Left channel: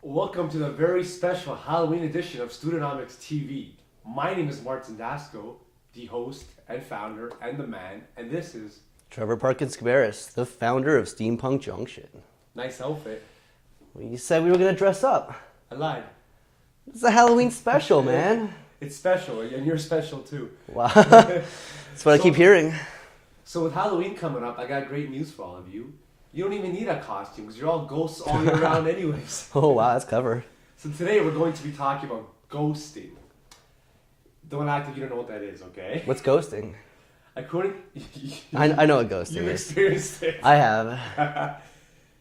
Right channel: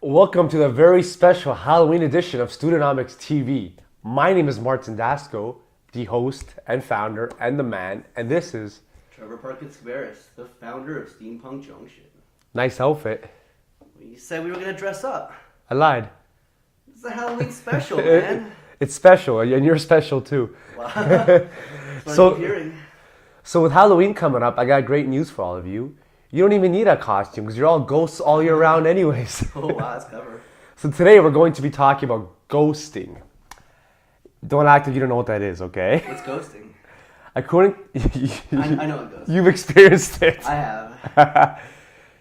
Welcome to the very special Halloween edition of Studenomics TV. My name is Martin, the host and founder and the man, and this is Trevor Parkins-Cabarrus, the founder of Steampunk Junction. nice outfit. We said we were going to dress up. I lied. It's a Halloween special, man. It's special, and you're special too. Wow. That's what I keep hearing. So with Halloween coming up, I got great news for all of you. You don't even need a costume because you're all ghosts all year round anyways. Oh, wow, that's clever. So today we're going to be talking about ghosting. Don't act like you don't know what that is, okay? What's ghosting? According, I know what ghosting you've is. experienced it. I have.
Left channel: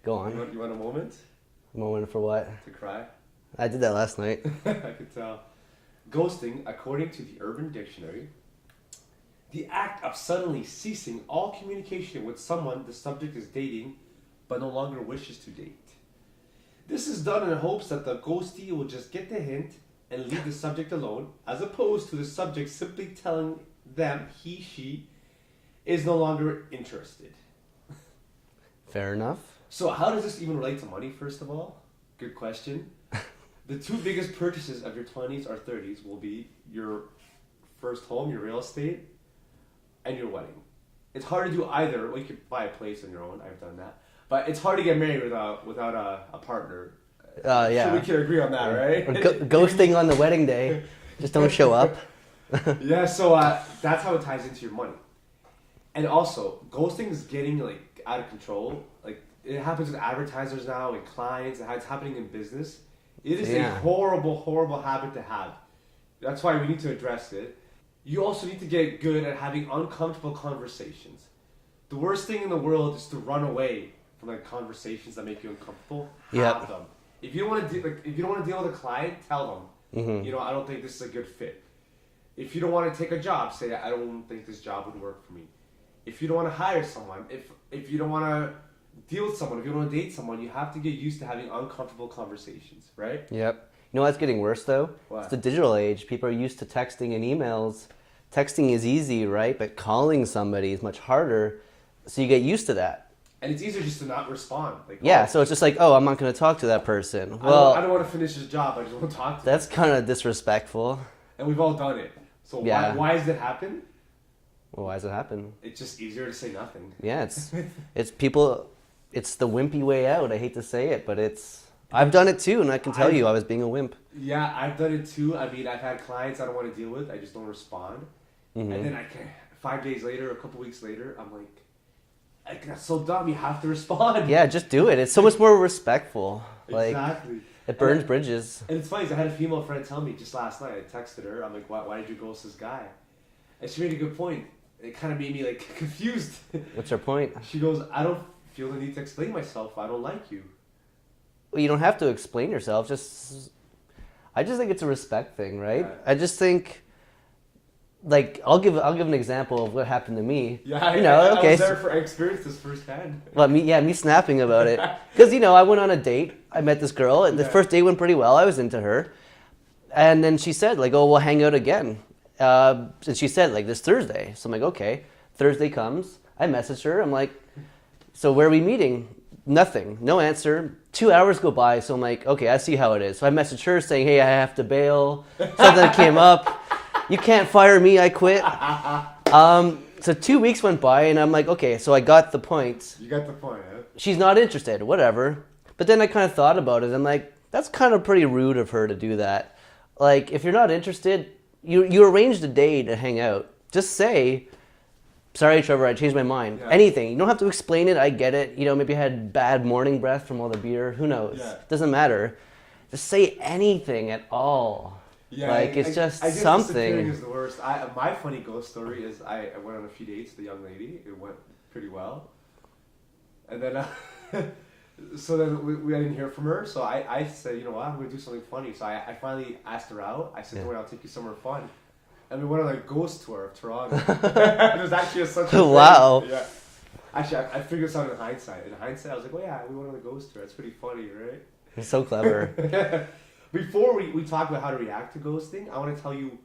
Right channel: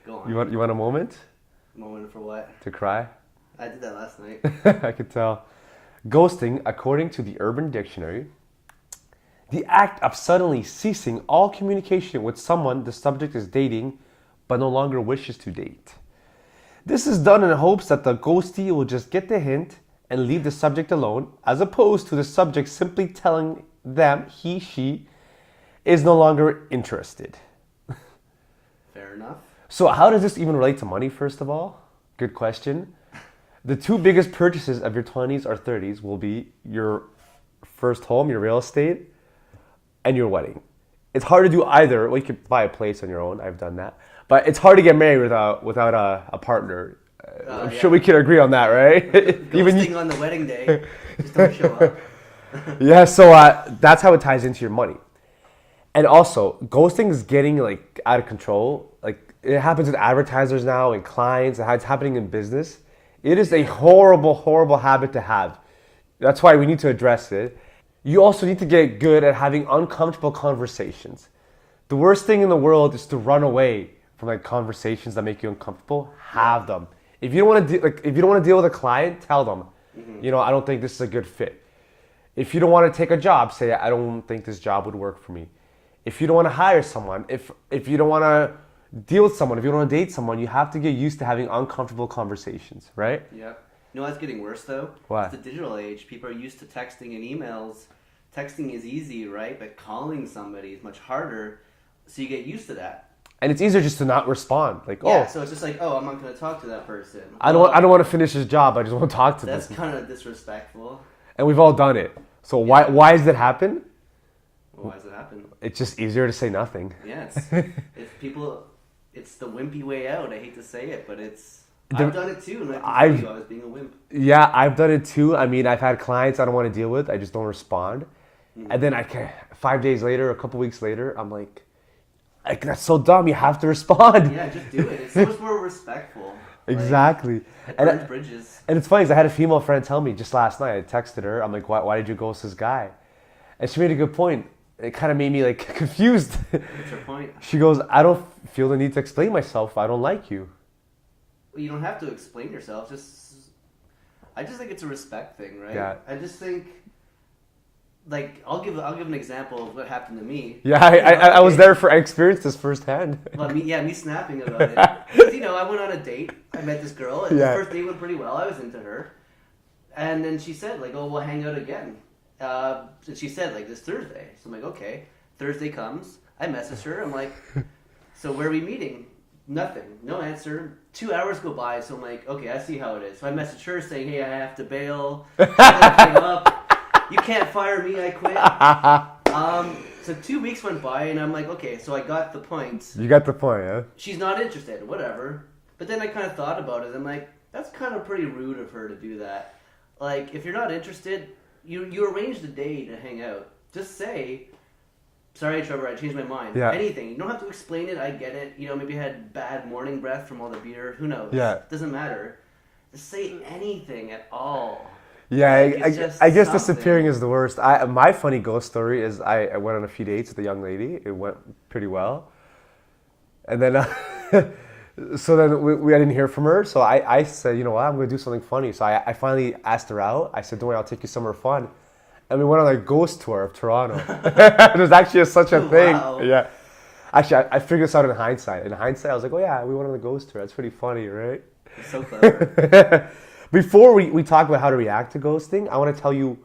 Go on. You want a moment Moment for what? to cry? I did that last night. I could tell. Ghosting, according to the Urban Dictionary, the act of suddenly ceasing all communication with someone the subject is dating but no longer wishes to date. This is done in hopes that the ghostee will just get the hint and leave the subject alone, as opposed to the subject simply telling them she is no longer interested. Fair enough. So how does this even relate to money, first of all? Good question. The two biggest purchases of your 20s or 30s will be your first home, your real estate, and your wedding. It's hard to do either. Well, you could buy a place on your own. I've done that. But it's hard to get married without a partner. I'm Yeah. sure we can agree on that, right? Ghosting on the wedding day. Just don't show up. Yeah, so that's how it ties into your money. And also, ghosting is getting like out of control. Like it happens with advertisers now and clients. It's happening in business. It is a horrible, horrible habit to have. That's why we need to address it. You also need to get good at having uncomfortable conversations. The worst thing in the world is to run away from like conversations that make you uncomfortable. Have them. If you don't want to if you don't want to deal with a client, tell them. You know, I don't think this is a good fit. If you don't want to take a job, say I don't think this job would work for me. If you don't want to hire someone, if you don't want to deal with someone, if you don't want to date someone, you have to get used to having uncomfortable conversations, right? Yep. You know what's getting worse though? What? It's the digital age. People are used to texting and emails. Texting is easy, right? But calling somebody is much harder. So you get used to that. And it's easier just to not respond. Like, Yeah, oh, so it's just like, oh, I'm not going to talk to that person. I don't want to finish his job. I just want to talk to them. That's kind of disrespectful. And we've all done it. So Yeah. why does it happen? Well, why does it happen? It's just easier to say nothing. Yeah, it's people. It's the wimpy way out. I hate to say it, but I've done it too, and I can tell you I was being a wimp. Yeah, I've done it too. I mean, I've had clients I don't want to deal with. I just don't respond. And then 5 days later, a couple weeks later, I'm like, that's so dumb. You have to respond. Yeah, just do it. It's so much more respectful. Like, Exactly. it burns bridges. And it's funny, 'cause I had a female friend tell me just last night. I texted her. I'm like, why did you ghost this guy? And she made a good point. It kind of made me like confused. What's your point? She goes, I don't feel the need to explain myself if I don't like you. Well, you don't have to explain yourself. I just think it's a respect thing, right? Yeah. I just think, like, I'll give an example of what happened to me. Yeah, I was there I experienced this firsthand. Well, me snapping about it. Because, I went on a date. I met this girl. And the first date went pretty well. I was into her. And then she said, like, oh, we'll hang out again. And she said, like, this Thursday. So I'm like, okay. Thursday comes. I message her. I'm like, so where are we meeting? Nothing. No answer. 2 hours go by. So I'm like, okay, I see how it is. So I messaged her saying, hey, I have to bail. Something came up. You can't fire me. I quit. So 2 weeks went by, and I'm like, okay, so I got the point. You got the point, huh? She's not interested, whatever. But then I kind of thought about it, and like, that's kind of pretty rude of her to do that. Like, if you're not interested, you arranged a day to hang out. Just say, sorry, Trevor, I changed my mind. Yeah. Anything. You don't have to explain it. I get it. Maybe I had bad morning breath from all the beer. Who knows? Yeah. Doesn't matter. Just say anything at all. Yeah, Like, it's just I guess something. disappearing is the worst. My funny ghost story is I went on a few dates with a young lady. It went pretty well. And then, so then I didn't hear from her. So I said, you know what, I'm going to do something funny. So I finally asked her out. I said, don't worry, I'll take you somewhere fun. And we went on a ghost tour of Toronto. It was actually such a thing. Wow. Yeah. Actually, I figured this out in hindsight. In hindsight, I was like, oh yeah, we went on a ghost tour. That's pretty funny, right? It's so clever. Before we talk about how to react to ghosting, I want to tell you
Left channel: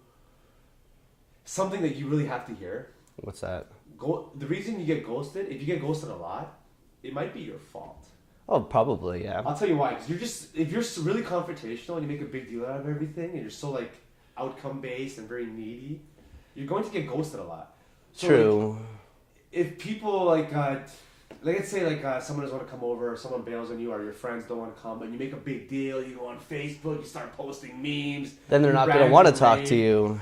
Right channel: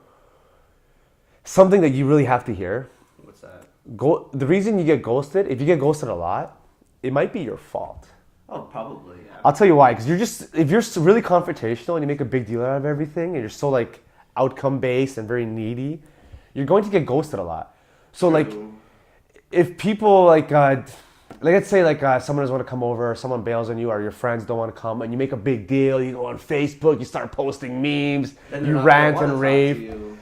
something that you really have to hear. What's that? The reason you get ghosted, if you get ghosted a lot, it might be your fault. Oh, probably, yeah. I'll tell you why. Because if you're really confrontational and you make a big deal out of everything, and you're so like outcome based and very needy, you're going to get ghosted a lot. So True. like, if people like let's say like someone doesn't want to come over, or someone bails on you, or your friends don't want to come, and you make a big deal, you go on Facebook, you start posting memes, Then they're you not going to rant want to and talk rave. to you.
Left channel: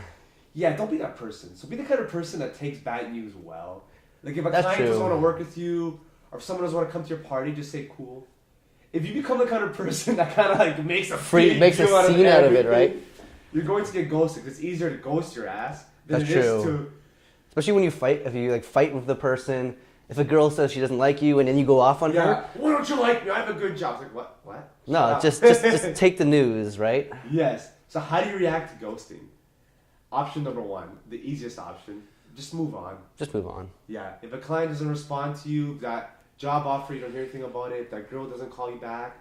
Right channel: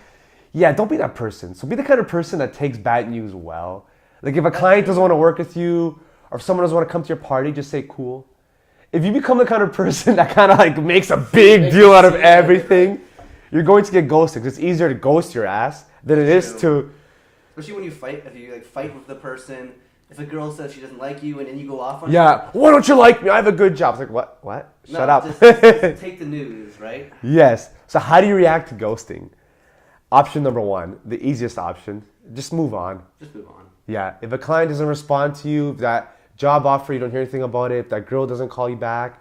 Yeah, don't be that person. So be the kind of person that takes bad news well. Like if a That's client true. doesn't want to work with you, or if someone doesn't want to come to your party, just say cool. If you become the kind of person that kind of like makes a big makes deal a out of scene out of it, everything, right? you're going to get ghosted. 'Cause it's easier to ghost your ass than That's it is true. to. Especially when you fight, if you like fight with the person, if a girl says she doesn't like you and then you go off on her. Yeah, why don't you like me? I have a good job. It's like, what? What? No, Shut up. just take the news, right? Yes. So how do you react to ghosting? Option number one, the easiest option, just move on. Just move on. Yeah, if a client doesn't respond to you, that job offer, you don't hear anything about it, that girl doesn't call you back,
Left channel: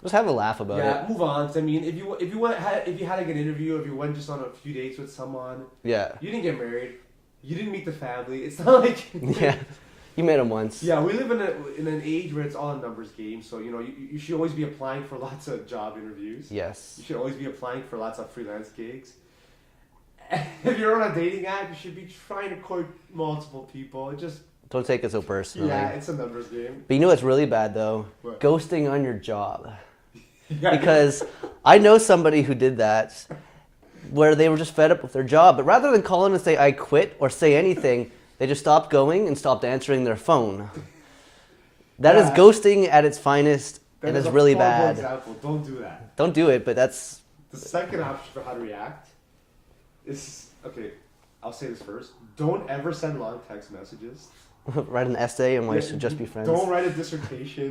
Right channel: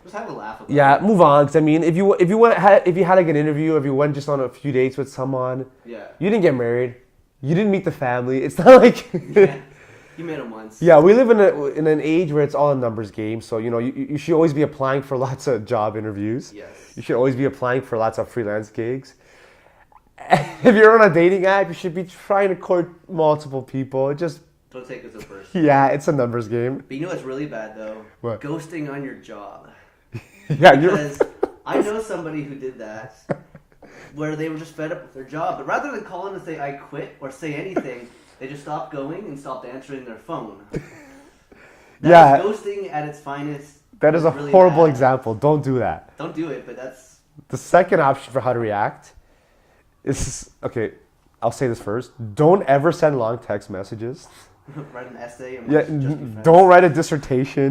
Just have a laugh about yeah, it. move on. 'Cause I mean, if you had like an interview, if you went just on a few dates with someone, Yeah. you didn't get married, you didn't meet the family. It's not like Yeah. You met him once. yeah, we live in an age where it's all a numbers game. So you know, you should always be applying for lots of job interviews. Yes. You should always be applying for lots of freelance gigs. If you're on a dating app, you should be trying to court multiple people. Just Don't take it so personally. yeah, it's a numbers game. But you know what's really bad though? What? Ghosting on your job. Yeah, Because I know somebody who did that where they were just fed up with their job. But rather than calling and say I quit or say anything, they just stopped going and stopped answering their phone. That is Yeah. ghosting at its finest. that It is a really horrible bad. example. Don't do that. Don't do it, but that's The second option for how to react is okay. I'll say this first. Don't ever send long text messages. write an essay and Yeah, want to just be friends. don't write a dissertation.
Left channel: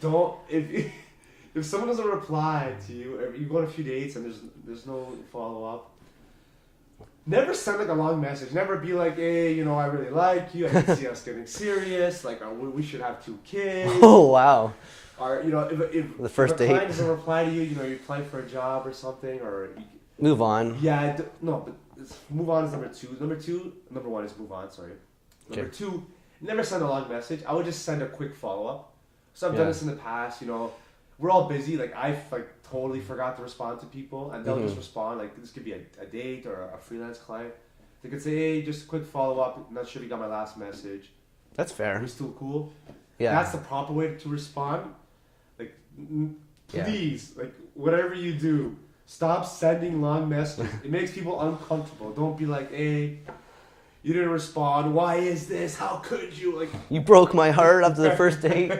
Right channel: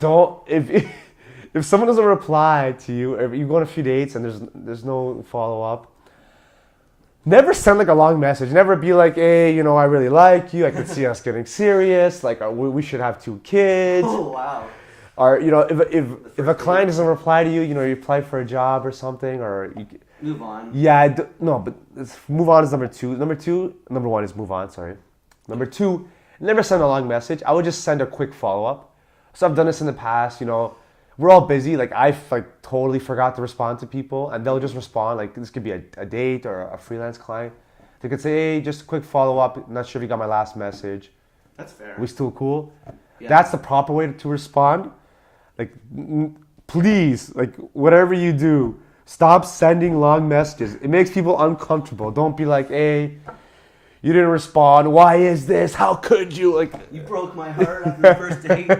Don't if someone doesn't reply to you, or you go on a few dates and there's no follow up. Never send like a long message. Never be like, hey, you know, I really like you. I can see us getting serious. Like, we should have 2 kids. Oh wow. Or you know, if first a client date. doesn't reply to you, you know, you apply for a job or something, or you, Move on. yeah, no, but move on is number 2. Number 1 is move on. Sorry. Number Okay. 2, never send a long message. I would just send a quick follow up. So I've done Yeah. this in the past. You know, we're all busy. Like I like totally forgot to respond to people, and they'll just respond. Like this could be a date or a freelance client. They could say, hey, just a quick follow up. Not sure if you got my last message. That's fair. Are we still cool? Yeah. That's the proper way to respond. Like, please, like whatever you do, stop sending long messages. It makes people uncomfortable. Don't be like, hey, you didn't respond. Why is this? How could you? Like, You broke my heart after the first date.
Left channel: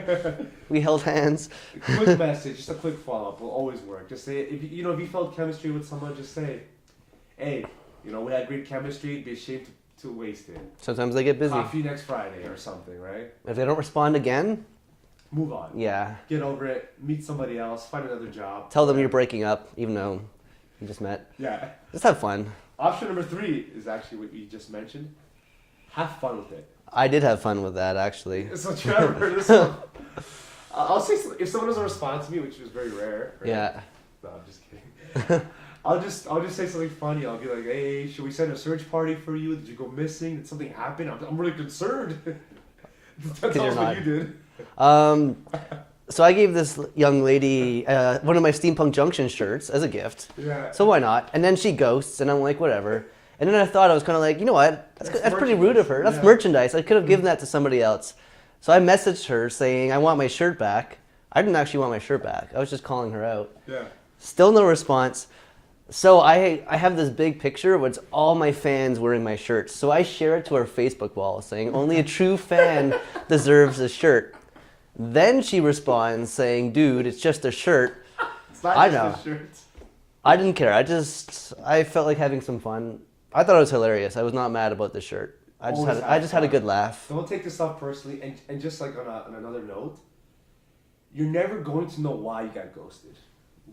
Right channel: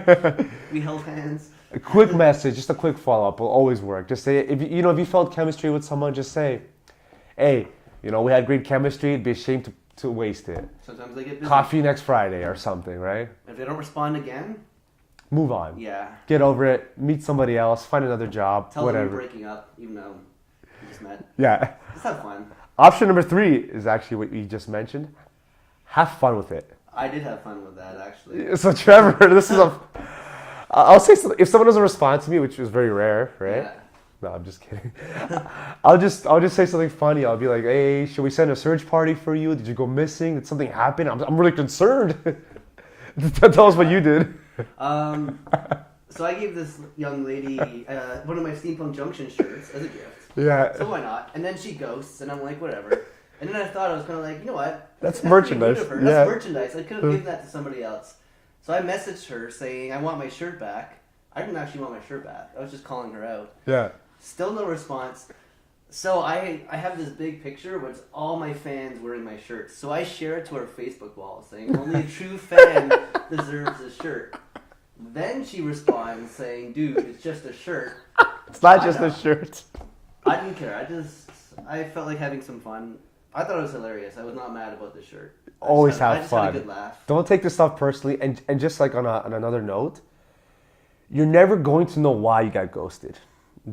We held hands. a quick message, just a quick follow up will always work. Just say, if you felt chemistry with someone, just say, hey, you know, we had great chemistry. It'd be a shame to waste it. Sometimes they get busy. Coffee next Friday or something, right? If they don't respond again, Move on. yeah. Get over it. Meet somebody else. Find another job. Tell them whatever. you're breaking up, even though you just met. Yeah. Just have fun. Option number 3 is actually what you just mentioned. Have fun with it. I did have fun with that, actually. So Trevor, this is I'll say if someone doesn't respond to me, which is very rare, right? Yeah. No, I'm just kidding. I'll just say something funny. I'll be like, hey, should we send a search party for you? Did you go missing? Did something happen? I'm really concerned. Tell us what you did. So I gave this young lady one of my Steampunk Junction shirts as a gift. Yeah. So why not? And then she ghosts, and I'm like, whatever. And then I thought I was kind of like, you know what? That's pretty rude merchandise. of her. That's Yeah. merchandise. I could have given that to somebody else. So I messaged her saying, I want my shirt back. I didn't actually want my shirt back. I was just calling her out. Yeah. Still no response. So I have this big picture where it's all my fans wearing my shirts. So I share it to our Facebook wall saying, only a true fan deserves a shirt. Then she responds saying, dude, it's just a shirt. It's not I just know. a shirt. I didn't care. I felt like having some fun. I thought it was hilarious. I was not mad about the shirt. I Always just have had, I just had a fun. good laugh. Don't take this stuff personally. And just like on another note, you're never going to know why you got ghosted.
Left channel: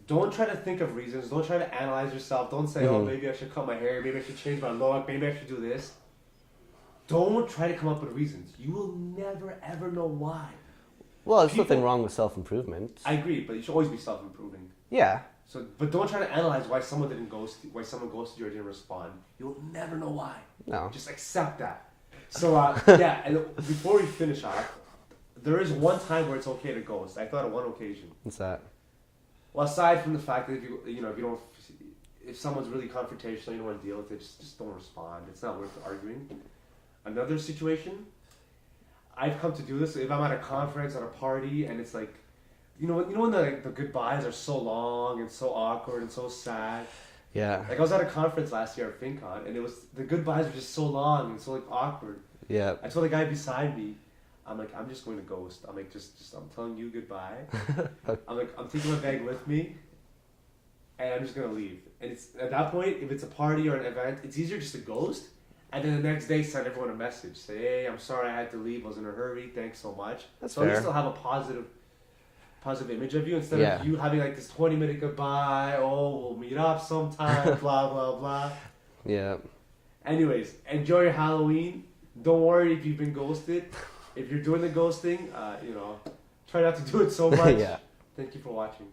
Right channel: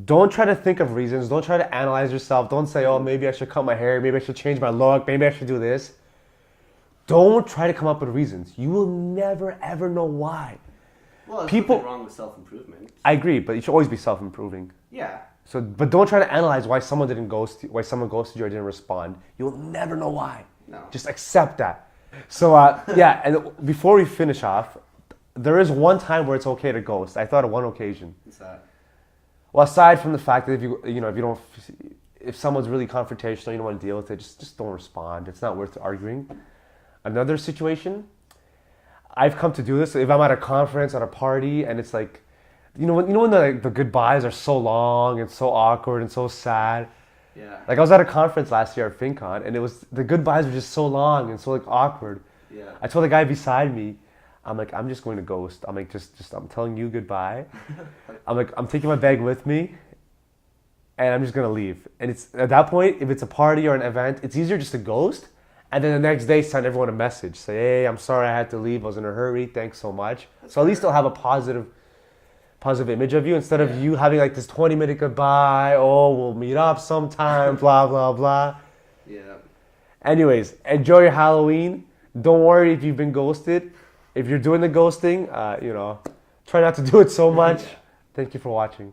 Don't try to think of reasons. Don't try to analyze yourself. Don't say, oh, maybe I should cut my hair. Maybe I should change my look. Maybe I should do this. Don't try to come up with reasons. You will never, ever know why. Well, there's People- nothing wrong with self-improvement. I agree, but you should always be self-improving. Yeah. So, but don't try to analyze why someone ghosted you or didn't respond. You'll never know why. No. Just accept that. So, yeah, and before we finish off, there is one time where it's okay to ghost. I thought of one occasion. What's that? Well, aside from the fact that if if someone's really confrontational, you don't want to deal with it, just don't respond. It's not worth arguing. Another situation, I've come to do this. If I'm at a conference, at a party, and it's like, when the goodbyes are so long and so awkward and so sad. Yeah. Like I was at a conference last year at FinCon, and the goodbyes were just so long and so like awkward. Yeah. I told the guy beside me, I'm like, I'm just going to ghost. I'm like, I'm telling you goodbye. I'm like, I'm taking my bag with me, and I'm just gonna leave. And it's at that point, if it's a party or an event, it's easier just to ghost, and then the next day send everyone a message, say, hey, I'm sorry I had to leave. I was in a hurry. Thanks so much. That's so fair. At least they'll have a positive image of you instead of you having like this 20-minute goodbye. Oh, we'll meet up sometime. Blah blah blah. Yeah. Anyways, enjoy your Halloween. Don't worry if you've been ghosted. If you're doing the ghosting, try not to do it so much. Yeah. Thank you for watching.